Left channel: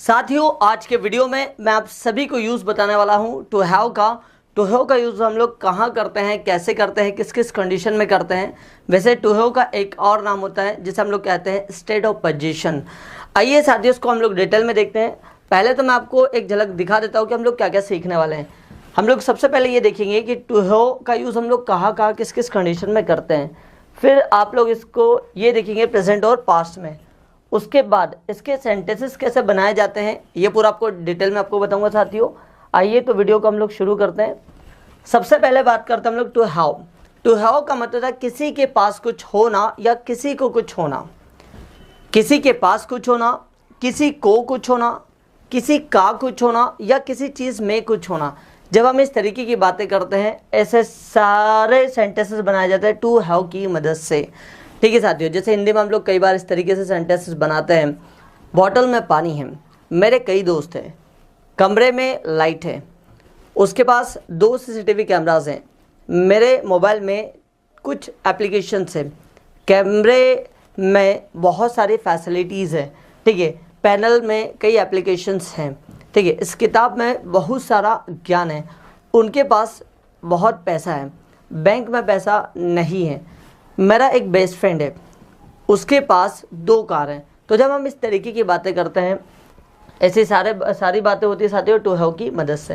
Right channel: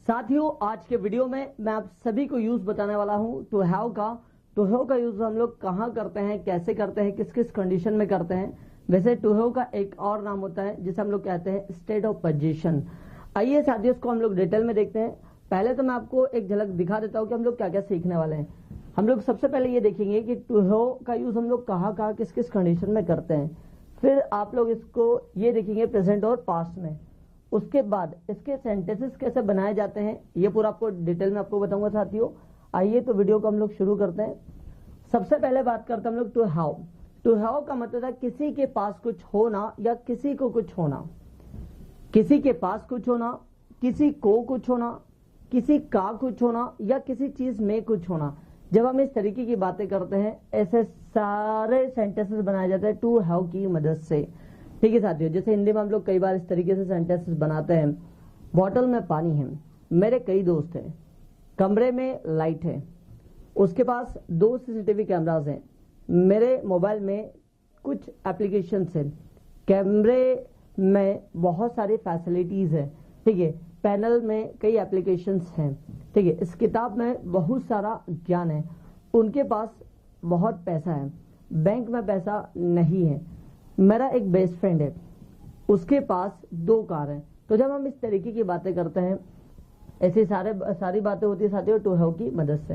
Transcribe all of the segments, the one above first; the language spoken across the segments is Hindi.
साथियों, आज के वीडियो में मैं आप सभी को यूज़ बताने वाला हूं टू हैव का। टू हैव का यूज़ हम लोग कहाँ करते हैं, कैसे करते हैं, किस किस कंडीशन में करते हैं। वैसे टू हैव का एक और नाम होता है जिसे हम लोग कहते हैं स्टेट ऑफ पोजीशन। आइए साथियों, इसको हम लोग डिटेल में देखते हैं। पहले तो मैं आपको एक झलक दिखा देता हूँ कि हम लोग क्या क्या सीखने वाले हैं। हम लोग सबसे पहले ये देखेंगे कि टू हैव का यूज़ हम लोग कहाँ कहाँ किस किस कंडीशन में करते हैं। फिर आप लोग इसको ये देखेंगे प्रेजेंट और पास्ट में। उसके बाद इसके सेंटेंसेस कैसे बनाए जाते हैं ये पूरा आपको डिटेल में आपको बताऊंगा साथियों। आइए तो वीडियो को हम लोग शुरू करते हैं। सबसे पहले बात करते हैं हम लोग टू हैव। टू हैव का मतलब है किसी के पास कुछ होना या किसी को कुछ होना। किसी के पास कुछ होना, किसी को कुछ होना, किसी का कुछ होना या किसी चीज़ में कुछ होना। जब हम इस तरीके की बातें करते हैं ऐसे सारे सेंटेंसेस बनाए जाते हैं टू हैव की मदद से। ठीक है साथियों, जैसे हिंदी में हम लोग कई बार इस तरीके से सेंटेंसेस बनाते हैं। बॉटल में पानी है, मेरे कई दोस्त हैं, कमरे में लाइट है, उसके पास 2 सीसीटीवी कैमराज हैं, मेरे मोबाइल में कुछ एप्लीकेशंस हैं, कैमरे में बहुत सारी फैसिलिटीज़ हैं। ठीक है, पैनल में कई एप्लीकेशंस हैं। ठीक है, इस किताब में बहुत सारा ज्ञान है, उनके पास बहुत पैसा है, बैंक में पैसा नहीं है, मेरा एक बेस्ट फ्रेंड है, उसके पास 2 कार हैं। तो जब हम इस तरीके की बातें करते हैं ऐसी सारी बातें होती है साथियों टू हैव की मदद से।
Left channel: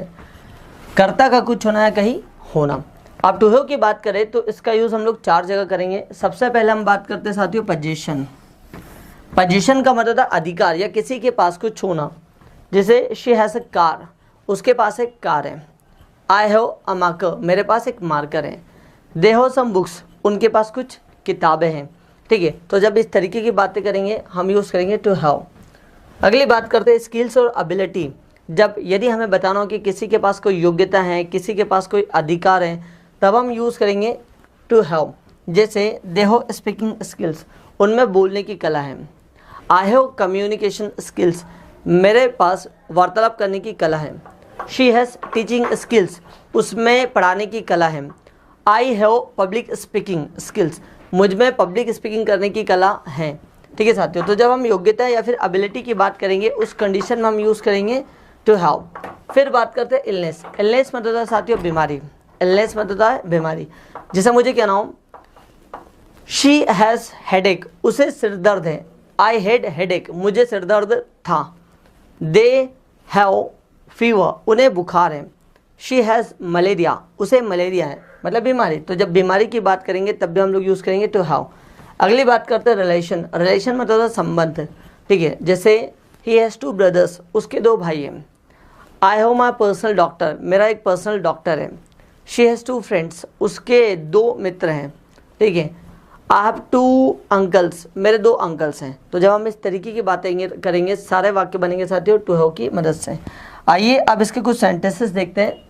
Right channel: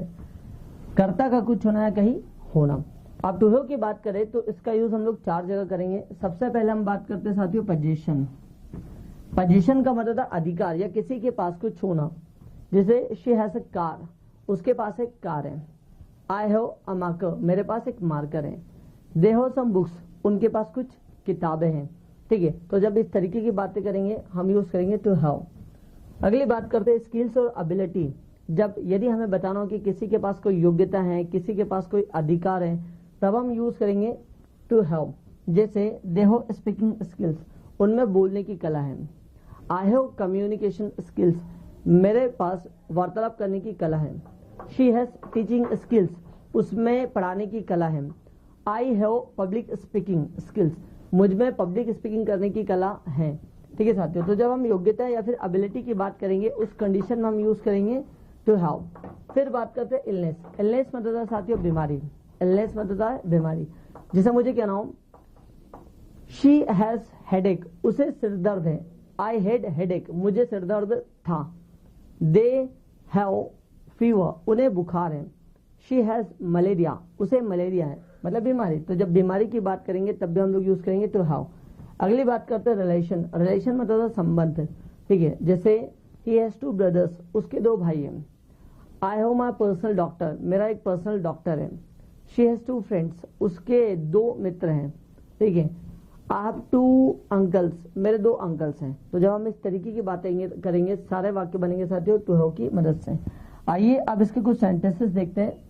कर्ता का कुछ होना या कहीं होना। अब टू हैव की बात करें तो इसका यूज़ हम लोग 4 जगह करेंगे। सबसे पहले हम बात करते हैं साथियों पोजीशन। पोजीशन का मतलब है अधिकार या किसी के पास कुछ होना। जैसे शी हैज़ अ कार, उसके पास एक कार है। आई हैव अ मार्कर, मेरे पास एक मार्कर है। दे हैव सम बुक्स, उनके पास कुछ किताबें हैं। ठीक है, तो जब इस तरीके की बातें करेंगे हम यूज़ करेंगे टू हैव। अगली बात करते हैं स्किल्स और एबिलिटी। जब यदि हमें बताना हो कि किसी के पास कोई योग्यता है, किसी के पास कोई अधिकार है, तब हम यूज़ करेंगे टू हैव। जैसे दे हैव स्पीकिंग स्किल्स, उनमें बोलने की कला है। आई हैव कम्युनिकेशन स्किल्स, मेरे पास वार्तालाप करने की कला है। शी हैज़ टीचिंग स्किल्स, उसमें पढ़ाने की कला है। I have public speaking skills, मुझ में पब्लिक स्पीकिंग करने की कला है। ठीक है साथियों, तो जब हम योग्यता या फिर एबिलिटी की बात करेंगे उस कंडीशन में हम यूज़ करेंगे टू हैव। फिर बात करते हैं इलनेस। इलनेस मतलब होता है साथियों बीमारी। इलनेस मतलब होता है बीमारी। जैसे मुझे कहना हो शी हैज़ हेडेक, उसे सिर दर्द है। आई हैड हेडेक, मुझे सिर दर्द था। दे हैव फीवर, उन्हें बुखार है। शी हैज़ मलेरिया, उसे मलेरिया है, मतलब बीमारी। तो जब बीमारी की बात करेंगे तब भी हम लोग यूज़ करेंगे टू हैव। अगली बात करते हैं रिलेशन। रिलेशन मतलब होता है संबंध। ठीक है, जैसे ही हैज़ 2 ब्रदर्स, उसके 2 भाई हैं। I have my personal doctor, मेरा एक पर्सनल डॉक्टर है। शी हैज़ 2 फ्रेंड्स, उसके 2 मित्र हैं। ठीक है, आई हैव 2 अंकल्स, मेरे 2 अंकल्स हैं। तो जब हम इस तरीके की बातें करेंगे सारे वाक्य बनेंगे साथियों टू हैव की मदद से। आइए अब इसके कुछ सेंटेंसेस देखते हैं।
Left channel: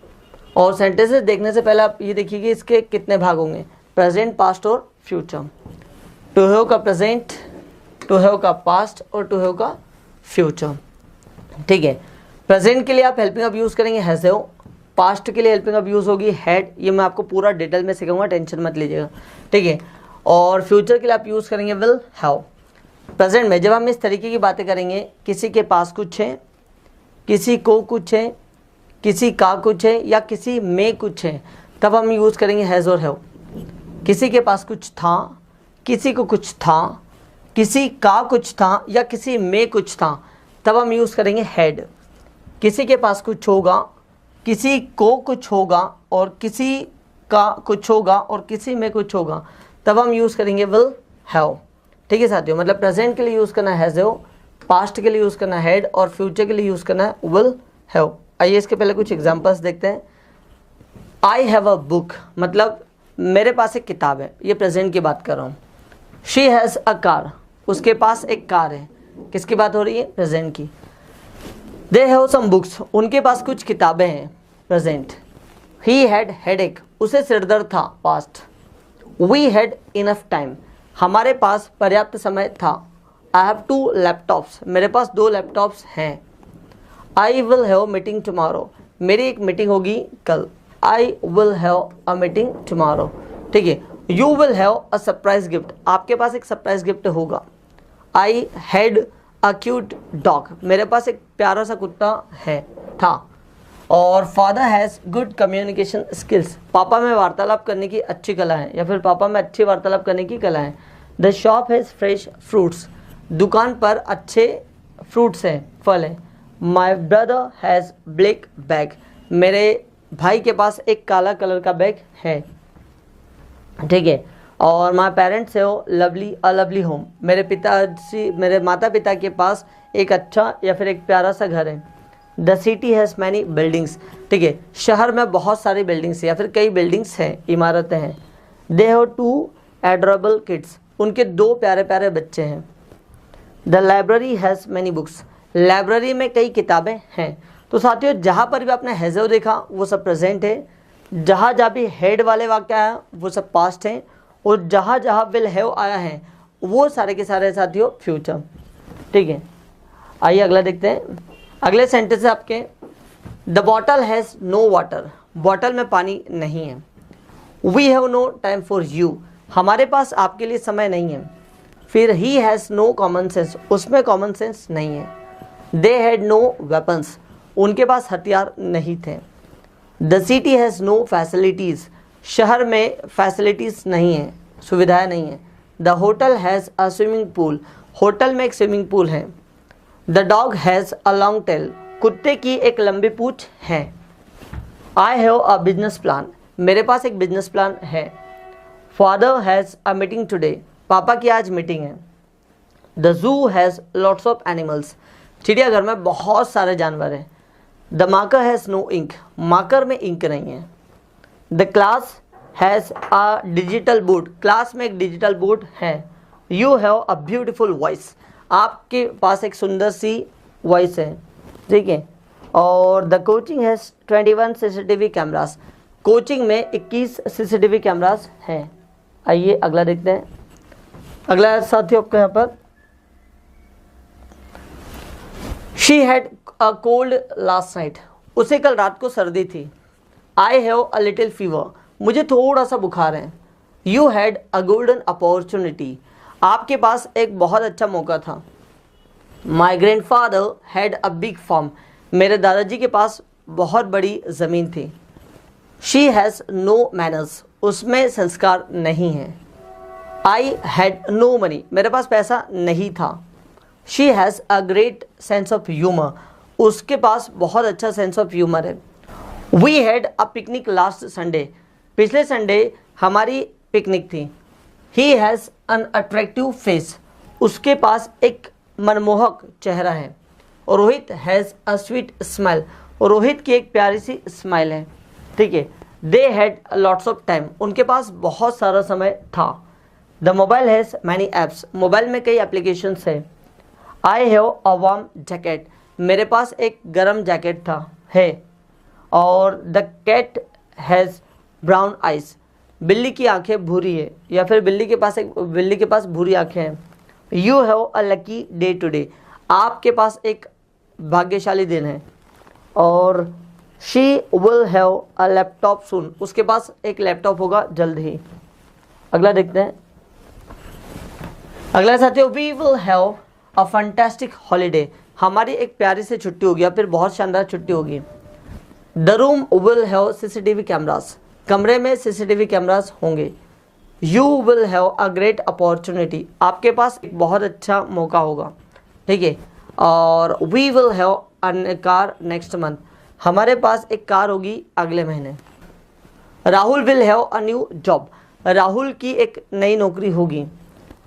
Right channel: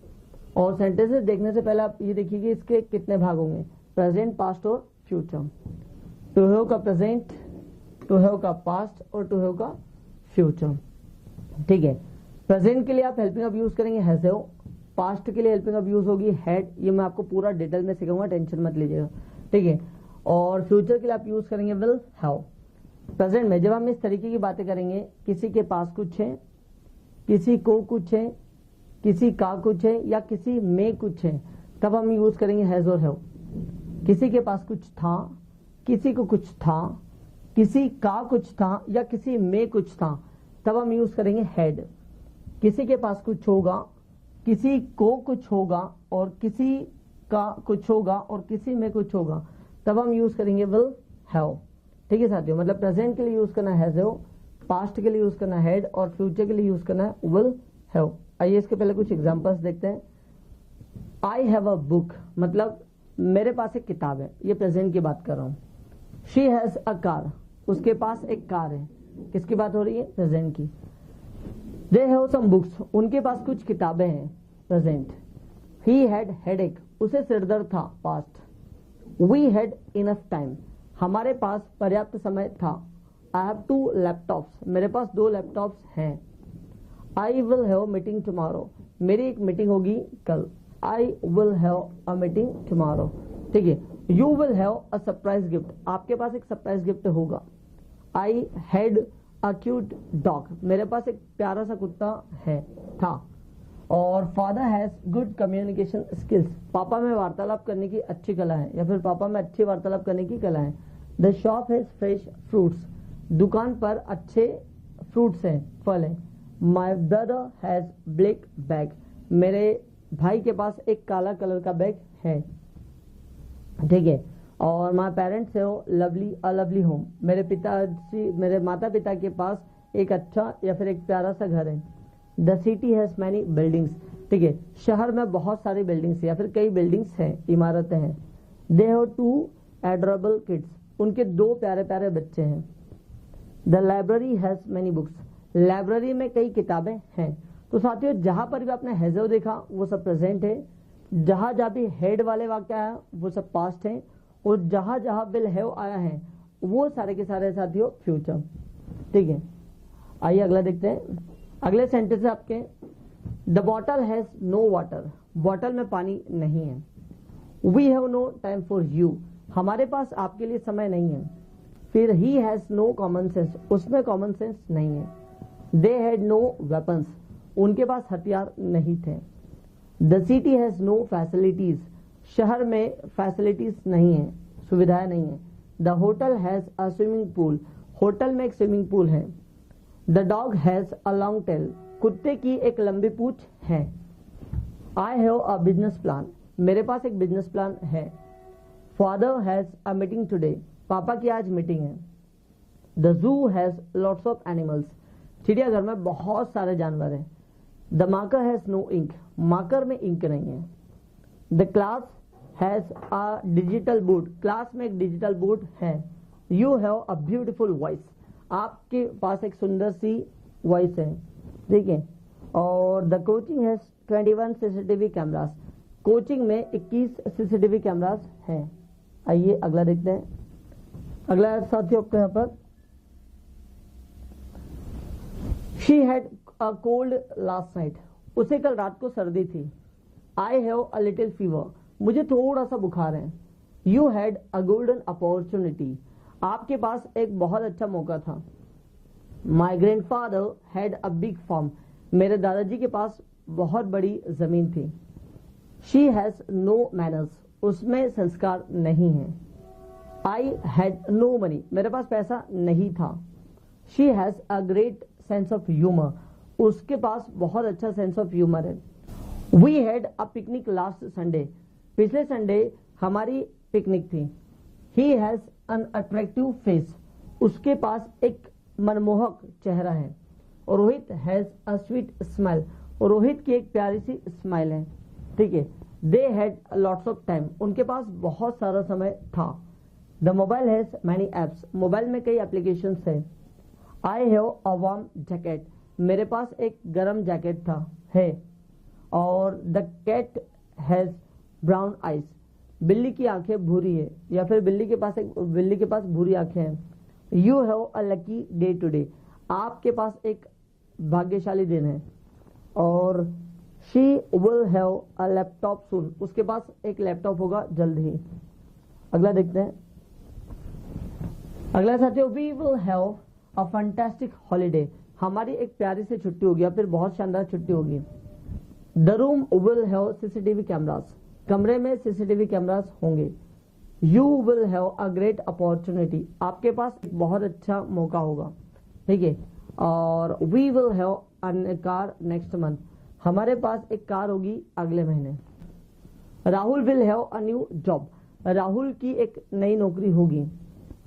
और सेंटेंसेस देखने से पहले आप ये देखिए कि इसके कितने भाग होंगे, प्रेजेंट, पास्ट और फ्यूचर। टू हैव का प्रेजेंट, टू हैव का पास्ट और टू हैव का फ्यूचर। ठीक है, प्रेजेंट के लिए आप हेल्पिंग अब यूज़ करेंगे हैज़ हैव। पास्ट के लिए हेल्पिंग अब यूज़ होगी हैड। ये मैं आपको पूरा डिटेल में सिखाऊंगा, टेंशन मत लीजिएगा। ठीक है, और फ्यूचर के लिए आप यूज़ करेंगे विल हैव। प्रेजेंट में जब हम इस तरीके की बातें करेंगे किसी के पास कुछ है, किसी को कुछ है, किसी का कुछ है या किसी में कुछ है, तब हम यूज़ करेंगे हैज़ और हैव। किसी के पास कुछ था, किसी को कुछ था, किसी का कुछ था या किसी में कुछ था, तब हम यूज़ करेंगे हैड। किसी के पास कुछ होगा, किसी को कुछ होगा और किसी का कुछ होगा और किसी में कुछ होगा, तब हम यूज़ करेंगे विल हैव। ठीक है साथियों, मतलब प्रेजेंट के लिए यूज़ करना है हैज़ हैव, पास्ट के लिए यूज़ करना है हैड और फ्यूचर के लिए यूज़ करना है विल हैव। आइए इसके पहले कुछ एग्जांपल्स देखते हैं। आई हैव अ बुक, मतलब मेरे पास एक किताब है, ये प्रेजेंट की बात कर रहा हूँ। शी हैज़ अ कार, उसके पास एक कार है। किसकी बात हो रही है, प्रेजेंट की। दे हैव सम बुक्स, उनके पास कुछ किताबें हैं, प्रेजेंट। ही हैड हेडेक, उसे सिरदर्द था, past. We had enough time, हमारे पास पर्याप्त समय था। आई हैव 2 लैपटॉप्स, मेरे पास 2 लैपटॉप्स हैं। I will have meeting tomorrow, मेरी एक मीटिंग होगी कल। I will have a meeting tomorrow. ठीक है, you will have a surprise gift, आपके पास एक सरप्राइज गिफ्ट होगा। I had a cute dog, मेरे पास एक प्यारा सा कुत्ता है था। और father has good communication skills, पापा में वार्तालाप करने की अच्छी कला है, या फिर पापा में अच्छी वार्तालाप करने की कला है। The shop has fresh fruits, दुकान पर अच्छे फ्रूट्स हैं, फल हैं। My brother has black bag, मेरे भाई के पास एक काला कलर का बैग है, ठीक है। और माई पेरेंट्स हो लवली अ लवली होम, मेरे माता पिता के पास एक अच्छा या फिर एक प्यारा सा घर है। The city has many buildings, ठीक है, शहर में बहुत सारी बिल्डिंग्स या फिर कई बिल्डिंग्स हैं, इमारतें हैं। दे हैव 2 एडोरेबल किड्स, उनके 2 प्यारे प्यारे बच्चे हैं। The library has many books, library में कई किताबें हैं। तो साथियों, जहाँ पर भी आपने हैज़ देखा वो सब प्रेजेंट है, जहाँ जहाँ भी हेड वाले वाक्य आया वो सब पास्ट हैं, और जहाँ जहाँ विल हैव आया है वो सारे के सारे साथियों फ्यूचर, ठीक है। आइए अगला देखते हैं। अगले सेंटेंस है आपके, the bottle has no water, bottle में पानी नहीं है। We have no time for you, हमारे पास आपके लिए समय नहीं है। फिर he has no common sense, उसमें कॉमन सेंस नहीं है। दे हैड नो वेपन्स, उनके पास हथियार नहीं थे। The city has no facilities, शहर में फैसिलिटीज़ नहीं है, सुविधाएं नहीं है। The hotel has a swimming pool, hotel में एक स्विमिंग पूल है। The dog has a long tail, कुत्ते की एक लंबी पूंछ है। I have a business plan, मेरे पास एक बिजनेस प्लान है। Father has a meeting today, पापा की आज मीटिंग है। The zoo has lots of animals, चिड़ियाघर में बहुत सारे जानवर हैं। The marker has no ink, marker में इंक नहीं है। The class has a digital board, class में एक डिजिटल बोर्ड है। You have a beautiful voice, आपके पास एक सुंदर सी वॉइस है, ठीक है। और the coaching has 21 CCTV cameras, coaching में 21 CCTV कैमरास हैं। आइए अगला देखते हैं। अगला साथियों आपका यहाँ पर, she had a cold last night, उसे कल रात को सर्दी थी। I have a little fever, मुझे थोड़ा सा बुखार है। You had a golden opportunity, आपके पास एक बहुत अच्छा मौका था। My grandfather had a big farm, मेरे दादाजी के पास बहुत बड़ी ज़मीन थी। शी हैज़ नो मैनर्स, उसमें संस्कार नहीं है। आई हैड नो मनी, मेरे पास पैसा नहीं था। She has a great sense of humour, उसके पास बहुत अच्छा सेंस ऑफ ह्यूमर है। We had a picnic last Sunday, पिछले संडे हमारी पिकनिक थी। He has an attractive face, उसके पास एक मनमोहक चेहरा है। और Rohit has a sweet smile, और रोहित की एक प्यारी सी स्माइल है, ठीक है। They had lots of time, उनके पास बहुत सारा समय था। The mobile has many apps, mobile में कई एप्लीकेशंस है। I have a warm jacket, मेरे पास एक गर्म जैकेट था है। और the cat has brown eyes, बिल्ली की आंखें भूरी है, या फिर बिल्ली के पास भूरी आंखें हैं। You have a lucky day today, आपके पास एक भाग्यशाली दिन है। और she will have a laptop soon, उसके पास एक लैपटॉप होगा जल्द ही। अगला देखते हैं। अगला साथियों, we will have a fantastic holiday, हमारी एक प्यारी सी छुट्टी होगी या फिर बहुत शानदार छुट्टी होगी। The room will have CCTV cameras, कमरे में CCTV कैमरास होंगे। You will have a great opportunity, आपके पास एक बहुत अच्छा मौका होगा, ठीक है। और we will have a car next month, हमारे पास एक कार होगी अगले महीने। Rahul will have a new job, Rahul की एक नई नौकरी होगी।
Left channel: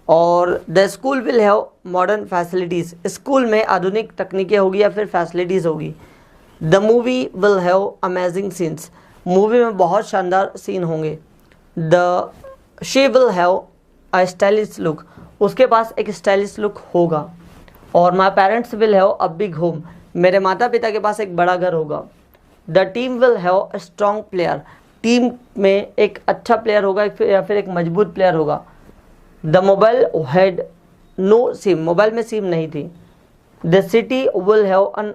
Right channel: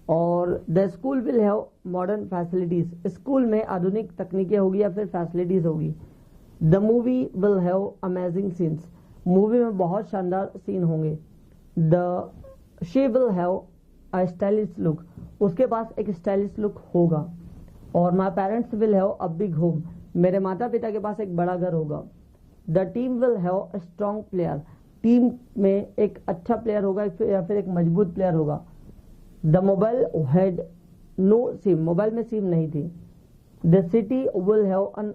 और the school will have modern facilities, school में आधुनिक तकनीकें होगी या फिर फैसिलिटीज़ होगी। The movie will have amazing scenes, movie में बहुत शानदार सीन होंगे। The she will have a stylish look, उसके पास एक स्टाइलिश लुक होगा। और my parents will have a big home, मेरे माता पिता के पास एक बड़ा घर होगा। The team will have a strong player, team में एक अच्छा प्लेयर होगा या फिर एक मजबूत प्लेयर होगा। The mobile had no sim, mobile में सिम नहीं थी। The city will have an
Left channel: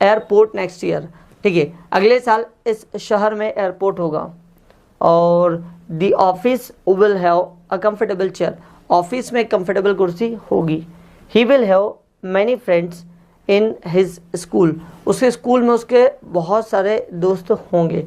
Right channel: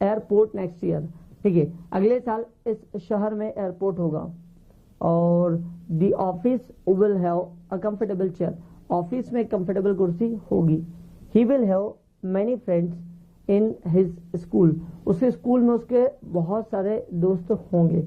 airport next year, ठीक है, अगले साल इस शहर में एयरपोर्ट होगा। और the office will have a comfortable chair, office में एक कंफर्टेबल कुर्सी होगी। He will have many friends in his school, उसके स्कूल में उसके बहुत सारे दोस्त होंगे।